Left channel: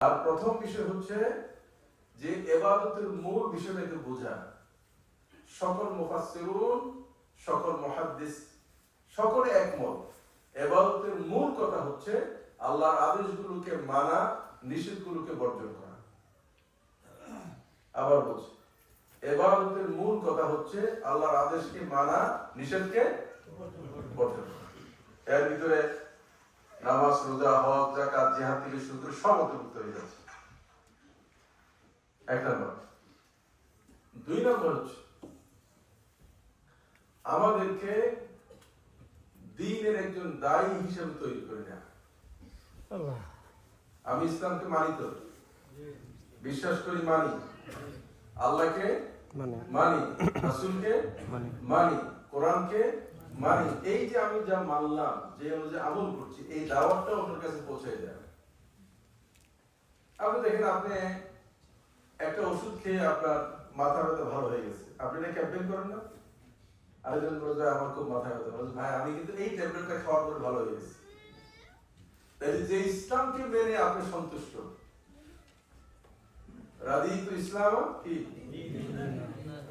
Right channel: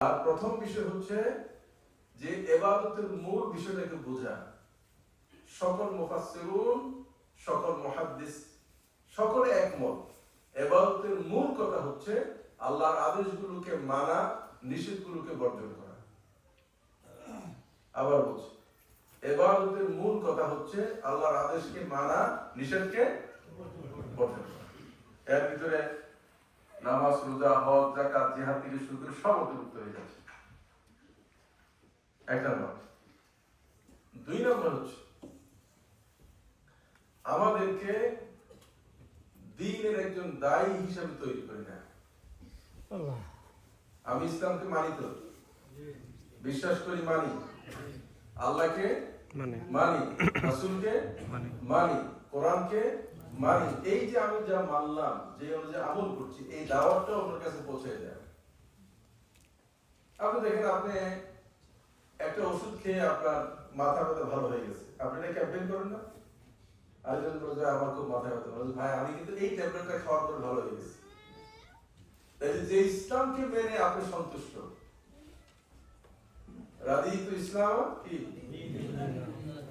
আর প্রথম বিষয় হচ্ছে যে ইবাদতের মূল বিষয়টাকে বোঝা। সকল মুফাসসিরুন, সকল মুহাদ্দিস সকলে একমত, ইবাদতের মূল কথা হচ্ছে আল্লাহর আদেশগুলোকে মানা, নিষেধগুলোকে বর্জন করা। আবার বলছি, ইবাদতের মূল কথা হচ্ছে আল্লাহর আদেশকে মানা, নিষেধকে বর্জন করা। এর ভিতরে নামাজ, রোজা, হজ, যাকাত, জিহাদ থেকে শুরু করে সব অন্তর্ভুক্ত হয়ে যাচ্ছে। এক নম্বর। দুই নম্বর হচ্ছে আমাদেরকে দ্বীনের একজন দায়ী হিসেবে তৈরি করে না। আমি ইসলামকে মানি, তো বিশ্বাস করি, মানি, আল্লাহকে মানি, রাসূলকে মানি, কোরআনকে মানি। এই যে আমি যা মানলাম, যে অনুযায়ী আমল করছি, এই দাওয়াতটা আপনার কাছে পৌঁছে দেয়। আপনি দেখেন, আপনি একটা ওষুধ খেয়ে আপনার মাথা ব্যথা ভালো হয়ে গেছে, আপনি এটা ক্যাম্পেইন করেন না? আরেকজন বলছে আমার খুব মাথা ব্যথা, বলছে ভাই আমি কিন্তু এই ট্যাবলেটটা খাওয়ার পরে ভালো হয়ে গেছে। যে ইসলামকে মেনে আপনি সন্তুষ্ট, রাদিতু ইসলাম কি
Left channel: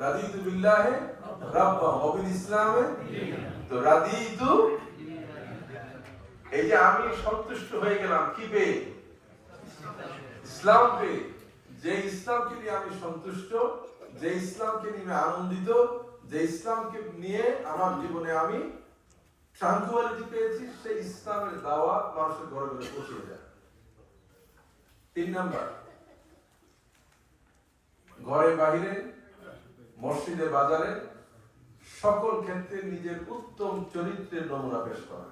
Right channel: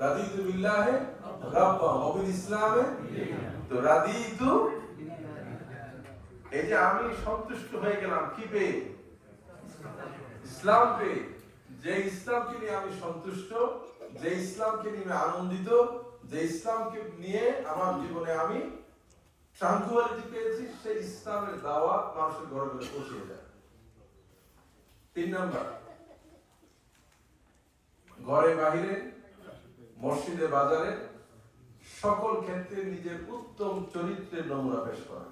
রাদিতু বিল্লাহি রাব্বা ওয়া বিল ইসলামে, তো রাদিতু, এই যে আমি সন্তুষ্ট হয়ে গেলাম কি পেয়ে? ইসলাম পেয়ে। যে ইসলামকে নিয়ে আমি সন্তুষ্ট, যে ইসলামকে নিয়ে আনন্দিত, যে ইসলামকে নিয়ে আমার জীবনে আমি ট্রাঙ্কুয়ালিটি পেয়েছি, সেই ইসলামের দাওয়াত মানুষের ঘরে ঘরে পৌঁছে যায়। তিন নাম্বার, ঘরে বাহিরে, মসজিদে বাজারে সকল ক্ষেত্রে নিজের উত্তম চরিত্রের নমুনা পেশ করা।